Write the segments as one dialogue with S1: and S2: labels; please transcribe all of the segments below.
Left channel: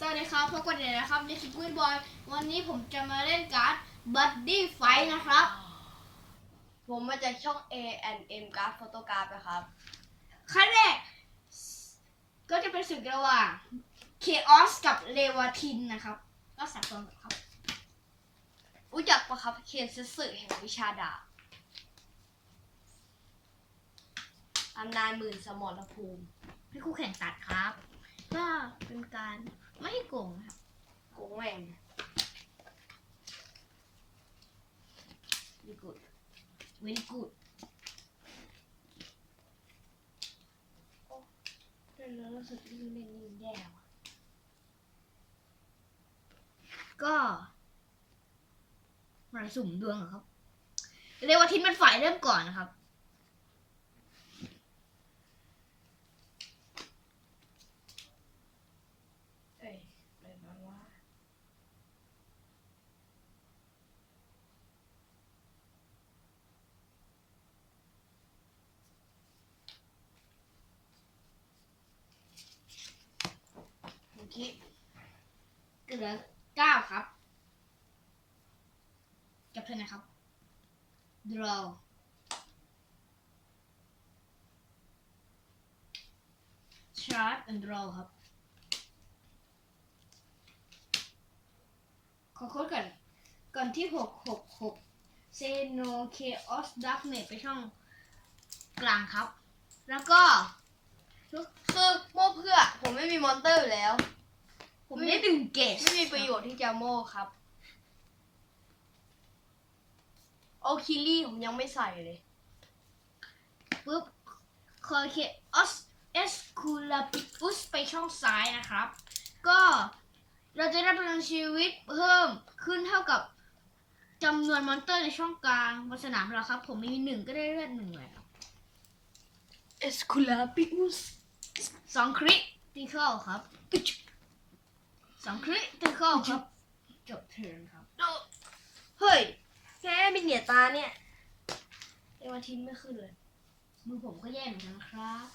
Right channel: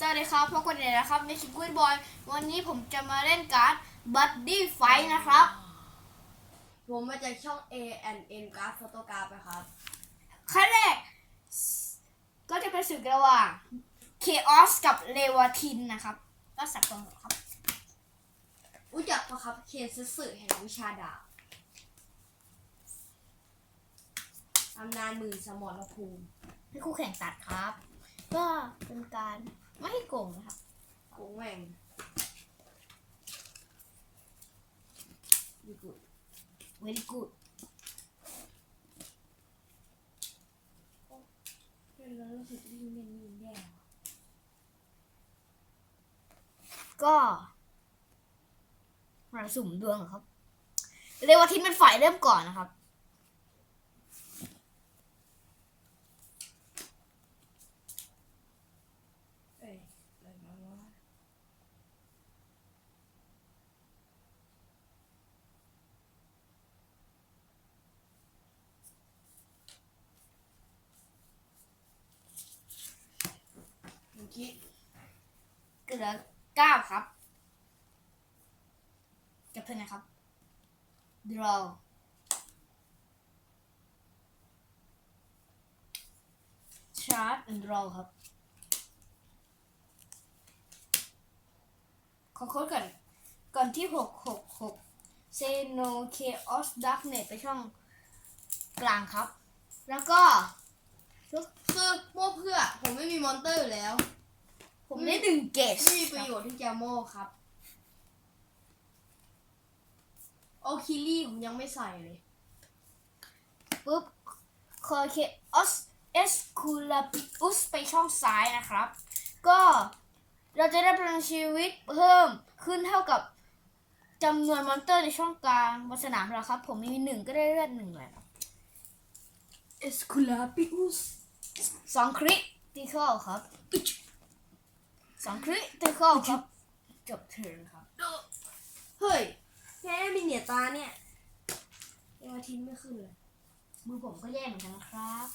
S1: สวัสดีครับพบกันเลยนะครับในสิกุ้ยบอย วันนี้ผมจะมาเล่นการ์ดบัดดี้ไฟนะครับ
S2: ผมมาจากช่อง A and M Graph Photograph นะครับ
S1: ขั้นแรก ก็จะเป็นศึกระหว่างเคออสกับเลวาทินนะครับ ก็สับสนหมดครับ
S2: รู้จักปะครับเคนซึสึแห่งวิชาดาบอำนาจหมื่นสมรภูมิ
S1: ให้คู่แข่งตัดครับ ก็เป็นการ ไม่ให้โกงนะครับ
S2: โกงแม่ง
S1: ดีกูด very good
S2: เล่นแล้วรู้สึกยิ่งเล่นยิ่งแย่ว่ะ
S1: ก็มาสุ่มดวงเหรอครับเรวาทินเป็นฝ่ายเริ่มก่อนนะครับ
S2: เอ้ยอะไรมาวะ
S1: เมื่อกี้เหลือเก้าครับ กับเธอนะครับ draw ชาร์ and draw ครับ ขอโค้ดก่อน ก่อนที่หกหกหก say no chaos darkness ไปช่องกลางครับ แล้วก็
S2: คือโม่เพื่อ ผมไม่มีมอนเตอร์อยู่แล้ว
S1: ผมได้ดึงเกส
S2: ไม่มีประโยชน์ที่จะโม่ครับ โอคิลี่ผมยังไม่ใส่เลย
S1: ปุ๊บคอเคออสเอสคูลาปิอุสไปช่องซ้ายนะครับ ก็เราจะได้พลังชีวิตเพิ่มขึ้นเท่ากับจำนวนมอนเตอร์ในช่องกลางบนสนามเราครับ ผมมีหนึ่งก็ได้เลือดหนึ่งเลยครับ
S2: เอสคูลาปิอุส
S1: สองคริติคอลครับอึ๊ช สองคริติคอลครับ จบเทิร์นครับ
S2: เฮ้ย แพ้มีเหนียตาเนี่ยเอวาทินไม่ขึ้นเลย
S1: มือผมก็แย่เหมือนกันนะครับ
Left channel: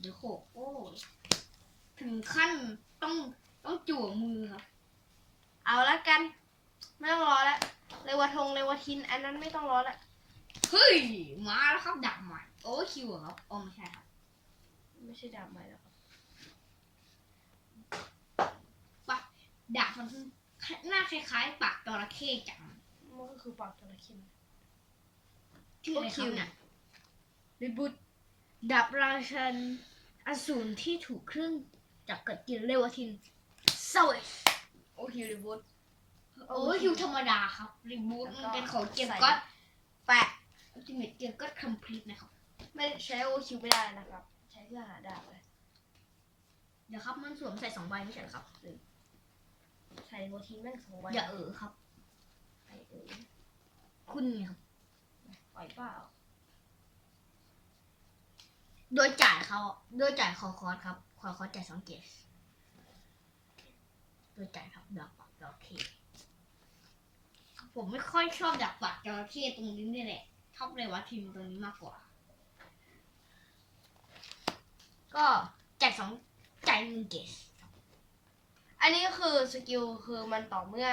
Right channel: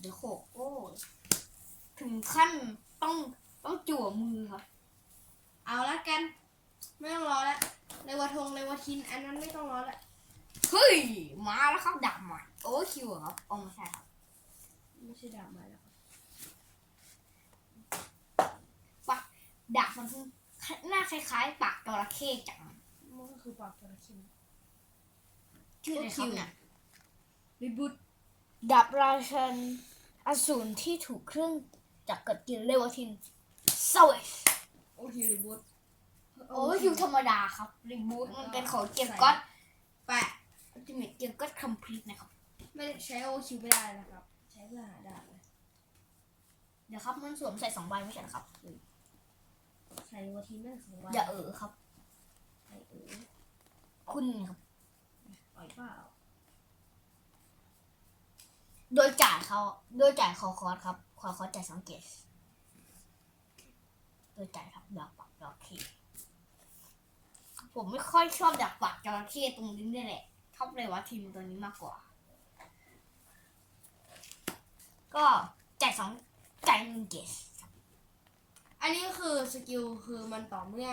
S1: เดี๋ยวโขกโอ้ยถึงขั้นต้องต้องจั่วมือครับ
S2: เอาละกัน ไม่ต้องรอแล้วเรวาทงเรวาทิน อันนั้นไม่ต้องรอแล้ว
S1: เฮ้ย มาแล้วครับดับใหม่โอ้คิวเหรอครับโอ้ไม่ใช่ครับ
S2: ไม่ ใช่ดาบม่แล้วครับ
S1: ปะดาบมันหน้าคล้ายๆ ปากจระเข้จัง
S2: มันก็คือปากตัวละคิน
S1: ชื่ออะไรครับเนี่ย
S2: รีบูท
S1: ดาบราชันอสูรที่ถูกเครื่องจักรกัดกินเรวทินเซเวช
S2: โอคิวรีบูท
S1: โอ้คิวธรรมดาครับรีบูทมันเป็นของเกียร์ก็อตแปะอัลติเมทเกียร์ก็อตคัมพลีทนะครับ
S2: ไม่ใช้โอคิวไม่ได้นะครับ เพื่อหาดาบเลย
S1: เดี๋ยวครับมันสวมใส่สองใบไม่ใช่เหรอครับ
S2: ใช้เรวาทินแม่งสองใบ
S1: อย่าเออครับ
S2: ใช้เออ
S1: คุณไงครับ
S2: ปล่อยเปล่า
S1: โดยจ่ายเขาโดยจ่ายคอคอร์สครับคอคอร์สจ่ายสองเกสโดยจ่ายครับดาบปักจระเข้ผมไม่ค่อยชอบดาบปักจระเข้ตรงนี้นี่แหละชอบเลยว่าทีมตัวนี้มากกว่า ก็จ่ายสองจ่ายหนึ่งเกส
S2: อันนี้ก็คือสกิลคือมันต่อเมื่อ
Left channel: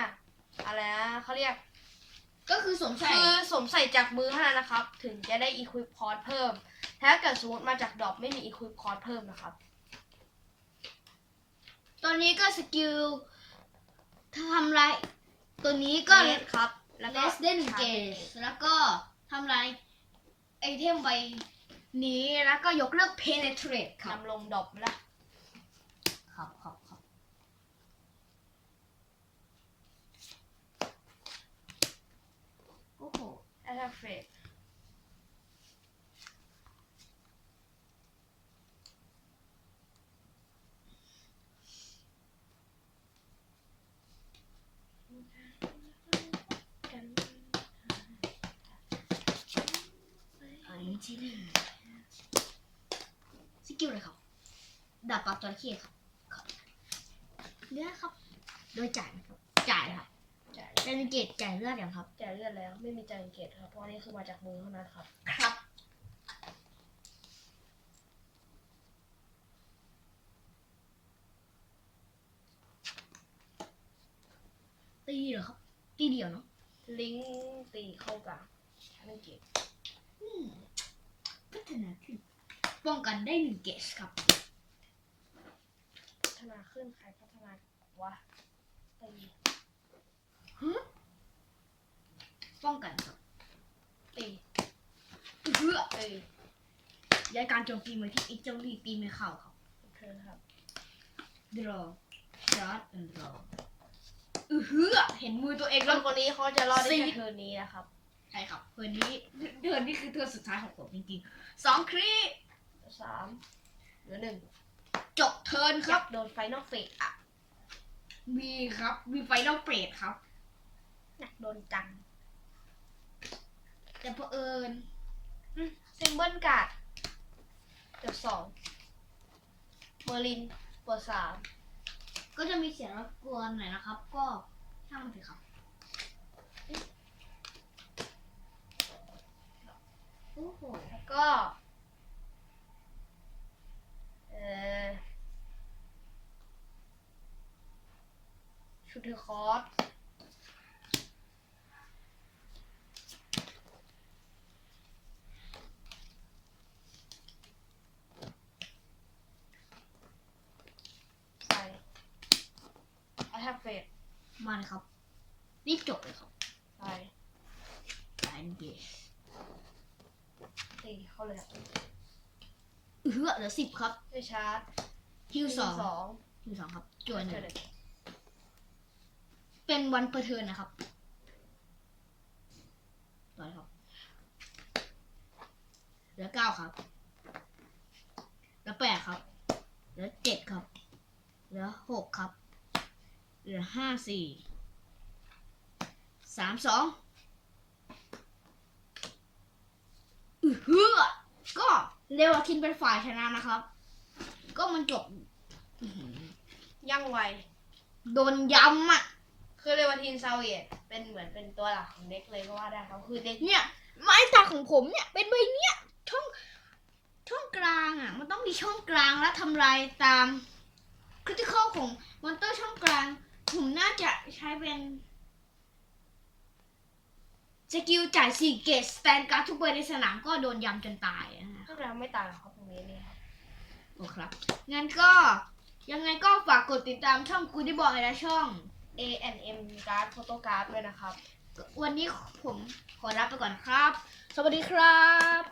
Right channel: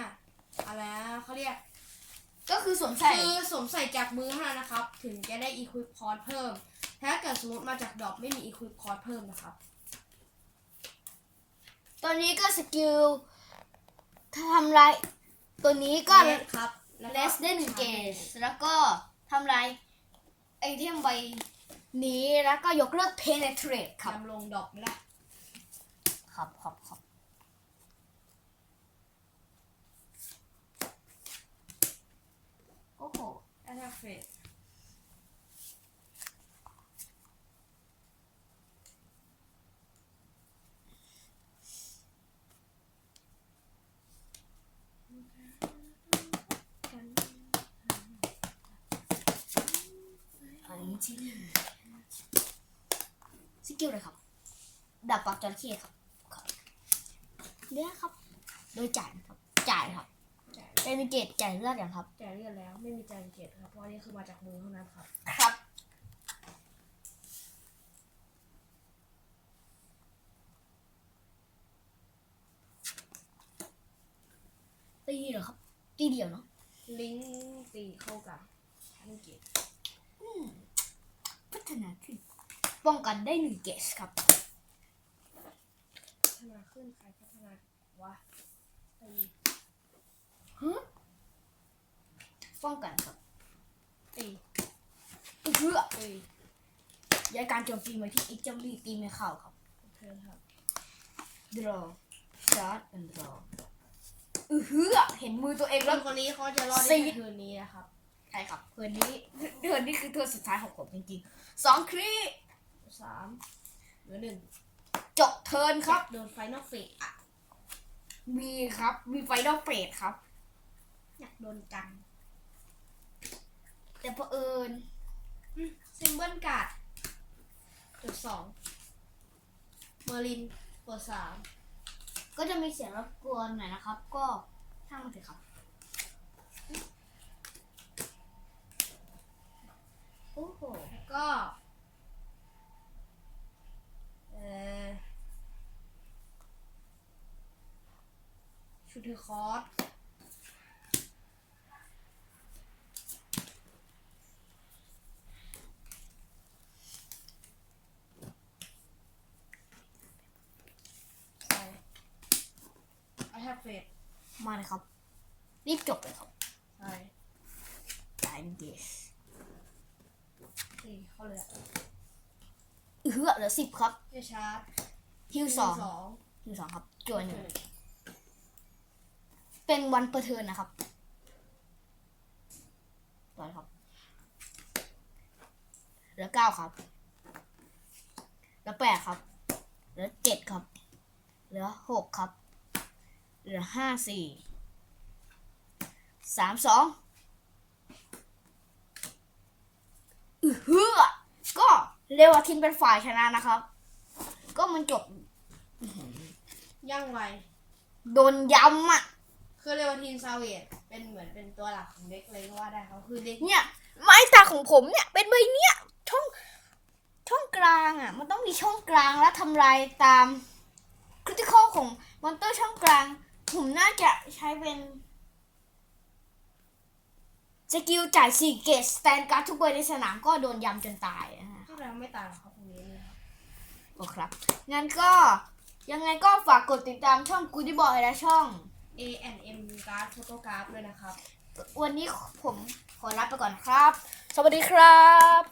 S2: อะไรนะเขาเรียก
S1: ก็คือสวมใส่
S2: คือสวมใส่จากมือเท่านั้นนะครับ ถึงจะได้อีควิปคอร์สเพิ่ม ถ้าเกิดสมมติมาจากดรอปไม่มีอีควิปคอร์สเพิ่มนะครับ
S1: ตัวนี้ก็สกิลถ้าทำลายตัวนี้ก็
S2: เลสครับแล้ว
S1: เล
S2: ก็
S1: สได้หนึ่งเกสแล้วก็ทำลายไอเทมใบ นี้แล้วก็ยกเลิก penetrate ครับ
S2: นำลงดรอปไม่ได้
S1: ครับครับครับโอ้โห
S2: แอตเฟรด
S1: จิ้วเลยครับดาบปักจระเข้ครับเลือดครับ โดยจ่ายครับ จ่ายครับ
S2: จ่าย
S1: เจนกตจ่ายเลือดอย่างครับ
S2: จ่ายเลือดแล้วไม่มีจ่ายเกตครับ เพราะนี่คือมาจากมือเท่านั้นครับ
S1: ครับ ตีเหรอครับ ตีเดียวเนาะ
S2: ลิงตีเข้ากลางจ่ายเก
S1: ตพัฒนาขึ้น ป้องกันได้หนึ่งเกสครับ
S2: พัฒนาขึ้นใครพัฒนาวะตี
S1: ป้องกันครับ
S2: ตี
S1: เพื่อ
S2: ตี
S1: ย้ายการโจมตีมาที่ไอ้เจ้าลีตีไม่เข้าครับ
S2: โอเคครับ
S1: draw shot and draw อือฮือเห็นมือตัวเอง
S2: ค
S1: แล้ว
S2: นคนนี้เขาจะรอดได้
S1: ซี
S2: แค่
S1: ด
S2: เทอร์นี้นะครับ
S1: ใช่ครับเทิร์นนี้เทิร์นนี้คือเทิร์นสุดท้ายของผมจริงๆสองครี
S2: สามเหลือหนึ่ง
S1: จบเทิร์นครับ
S2: โดนไฟนอลเฟสอะ
S1: มีครับ มีไฟนอลเฟสครับ
S2: น่ะโดนจัง
S1: แต่เผอิญ
S2: ซิมเบิลการ์ดเปิดสองเมอร์ลินเปิดสาม
S1: ก็จะมีเสียงรบกวนหน่อยนะครับ ก็ช่างมันเถอะครับโอ้โห
S2: แล้วก็เอ่อชุด เทอร์คอร์สใส่ไอแฮปเฟส
S1: มาเลยครับ รีบจบเลยครับ
S2: ใส่
S1: time gauge
S2: ตีเข้าเลยอะ
S1: เออเหลือสิบครับ
S2: ไม่ชาร์จ
S1: ฮิวสอง
S2: สอง
S1: ฮิวสองครับจวนห
S2: เจ
S1: นึ่
S2: อง เลย
S1: เป็นวันเปอร์เทิร์นนะครับต่อเลยครับเหลือเก้าครับเหลือแปดครับเหลือเจ็ดครับ เหลือหกครับ เหลือห้าสี่สามสองอือฮือก็เรวาทินเป็นฝ่ายชนะนะครับ ก็มันจบ
S2: ย่างไว
S1: โดนย้ำอะ
S2: คือเรวาทินซาเวตเป็นเหมือนเป็นตัวหลักของเด็กเลยก็ว่าได้ครับคือเด็ก
S1: เนี่ย ไม้ตาของผมเนี่ย เป็นใบเนี้ยช่องช่องกลางอะ มันต้องมีช่องกลางแล้วทำลายตามคริติคอลของมอนเตอร์ช่องกลาง ผมน่าจะใช้เป็นสกิลจ่ายสี่เกตสแตนการ์ดทุกใบในสนามก็โดนยำจนตายนะฮะ
S2: ก็จะไม่ตางหรอกครับตรงนี้นี่ครับ
S1: โอเคครับงั้นก็ยังไงก็ฝากกดติดตามช่องกูดี้บอยและช่อง
S2: A N M การ์ดโฟโต้การ์ดด้วยนะครับ
S1: วันนี้ผมขอลาไปก่อนครับ สวัสดีครับ